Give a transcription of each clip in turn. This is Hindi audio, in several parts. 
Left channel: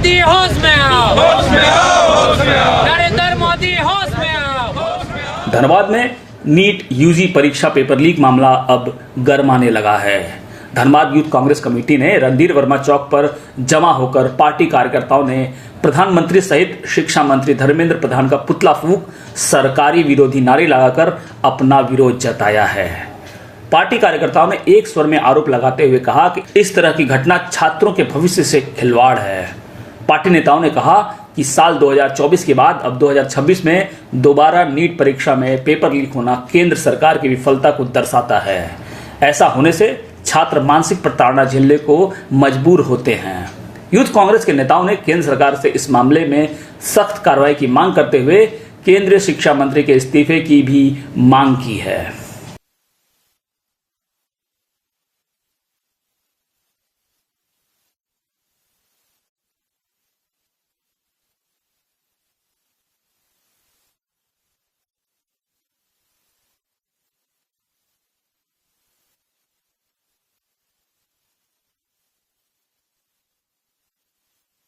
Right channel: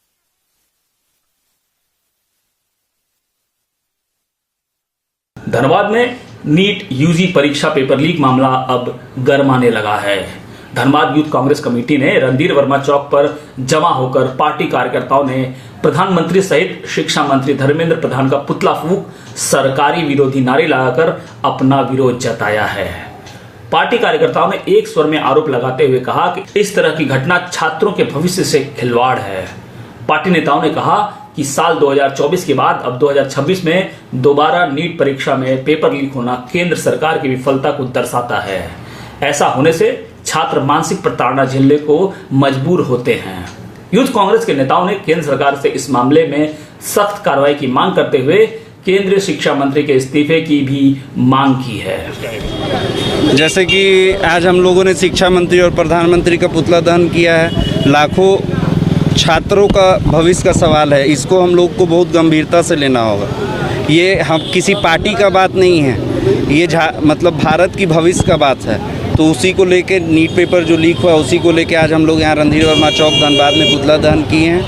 मोदी होश में आओ, होश में आओ, होश में आओ, नरेंद्र मोदी होश में आओ। धनबाद में नीट यूजी परीक्षा पेपर लीक मामला अब गरमाने लगा है। धनबाद यूथ कांग्रेस कमेटी ने रणधीर वर्मा चौक पर जमा होकर पार्टी कार्यकर्ताओं ने प्रधानमंत्री सहित शिक्षा मंत्री धर्मेंद्र प्रधान का पुतला फूंक सरकारी विरोधी नारे लगाकर अपना विरोध जताया है। पार्टी कार्यकर्ताओं ने एक स्वर में आरोप लगाते हुए कहा कि इस तरह की घटना छात्रों के भविष्य से खिलवाड़ है। पार्टी नेताओं ने कहा कि साल 2024 के बाद अब 2026 में दोबारा नीट परीक्षा में पेपर लीक होना केंद्र सरकार की विफलता को दर्शाता है। ऐसा होने से छात्र मानसिक प्रताड़ना झेलने को मजबूर होते हैं। यूथ कांग्रेस के नेताओं ने केंद्र सरकार से इस मामले में सख्त कार्रवाई की मांग करते हुए केंद्रीय शिक्षा मंत्री के इस्तीफे की भी मांग की है। जैसे कि आज हम लोगों ने शिक्षा मंत्री और प्रधानमंत्री का पुतला दहन किया है। लाखों छात्रों का भविष्य का सवाल है, इसको हम लोग को बहुत गंभीरता से लेना होगा। ये हम किसी पार्टी का बात नहीं है, ये मतलब भारत की भविष्य का बात है। तो उसी को लेके नीट पेपर जो लीक हुआ उसी को लेके आज हम लोग यहाँ रणधीर वर्मा चौक धनबाद में पुतला दहन किए हैं।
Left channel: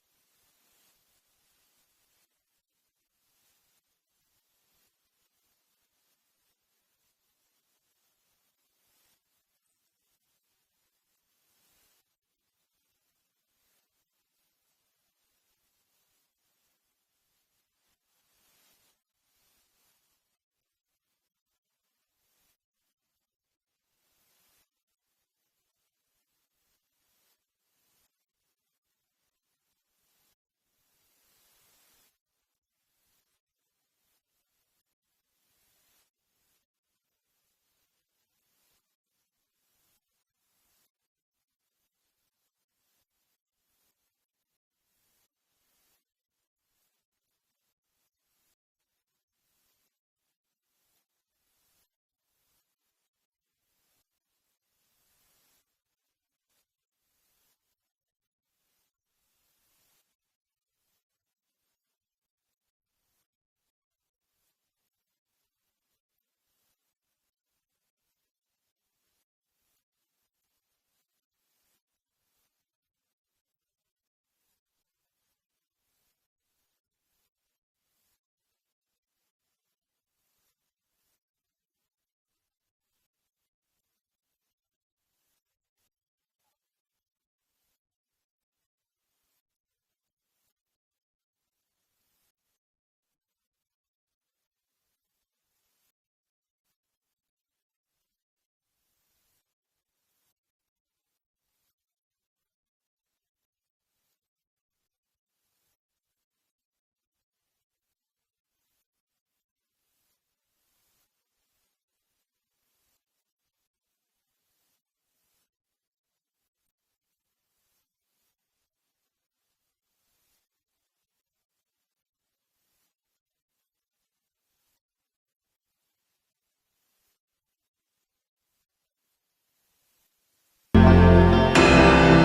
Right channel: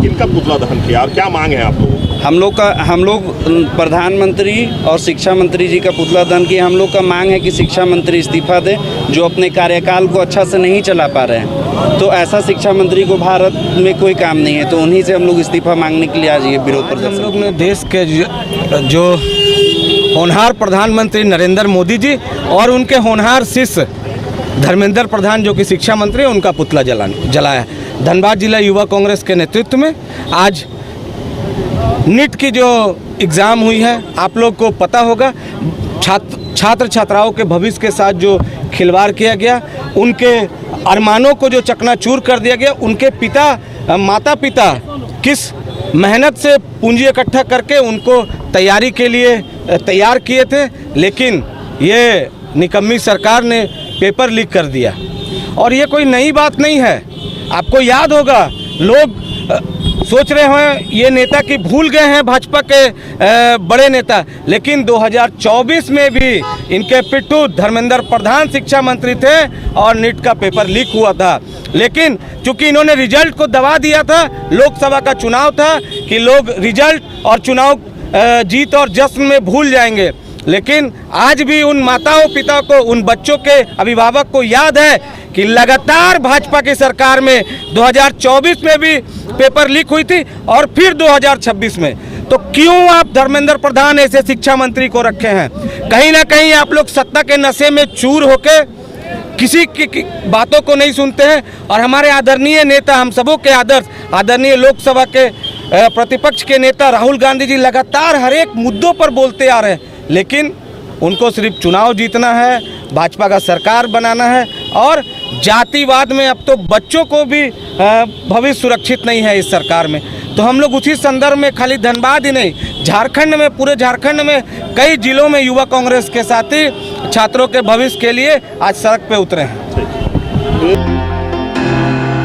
किनका पुतला दहन किया और क्या मांग है आप लोगों? हम लोग प्रधानमंत्री और शिक्षा मंत्री जी का पुतला दहन किए। हम लोग का मांग है कि शिक्षा मंत्री इस्तीफा दें, जो अपने कार्यकाल को अच्छा से नहीं चला पा रहे हैं। तो ऐसा शिक्षा मंत्री को भारत में कोई काम नहीं है, तो उन्हीं से हम लोग इस्तीफा मांगने के लिए आज ये विरोध प्रदर्शन। हम लोग ने देश के जो होनहार प्रधानमंत्री नरेंद्र मोदी जी और उनके होनहार शिष्य धर्मेंद्र प्रधान जो कि शिक्षा मंत्री हैं, उनका पुतला जलाया। धनबाद जिला युवा कांग्रेस के नेतृत्व में आज नीट की जो एग्ज़ाम हुई है, आप लोग को पता होगा, छात्र छात्राओं के भविष्य के साथ जो खिलवाड़ किया गया, उनके अरमानों को जो चकनाचूर कर दिया गया। उनके माता पिता किस मेहनत से पूंजी इकट्ठा करके उनको तैयारी के लिए तैयार किए थे, लेकिन ये निकम्मी सरकार ने पेपर लीक कर दिया। और ये कोई नई बात नहीं है। आपको याद होगा, लोग सोच रहे हैं ये नेता कि भूल गए हैं भाजपा के बड़े नेता, लेकिन 2024 में भी इनके पिट्ठू धर्मेंद्र प्रधान शिक्षा मंत्री थे और नीट का पेपर लीक हुआ था। लेकिन चूंकि इन्होंने रिजल्ट को दबा दिया था, लोकसभा का चुनाव था कि लोग रिजल्ट और चुनाव जीत और जश्न में भूल जाएंगे। लेकिन आज भी उन माताओं पिता को, उन बच्चों के अभिभावक को याद है कि लगातार भाजपा की सरकार में 2024 में भी पेपर लीक हुई थी और फिर 2026 में। तो क्यों आप धर्मेंद्र प्रधान ऐसे शिक्षा मंत्री को रखे हैं? कहीं ना कहीं आप लोग सत्ता के नशे में चूर होके किसी की बातों को नहीं सुनते हैं। और हमारे आदरणीय नेता, हम सबों के आदर्श आदरणीय लोकसभा के प्रतिपक्ष के नेता राहुल गांधी जी लगातार हर एक मुद्दों पर बोलते आ रहे हैं, लेकिन उनको सिर्फ चुनाव जीतना है, भाजपा का सरकार बनाना है। और जातिवाद में अब तो बच्चों को भी भविष्य सुरक्षित नहीं है इस सरकार में। तो हम लोग उसी संदर्भ में खाली धनबाद ही नहीं, झारखंड में, पूरे झारखंड में कई जिलों में युवा कांग्रेस के साथी छात्रों के भविष्य के लिए आज सड़क पे उतरे हैं।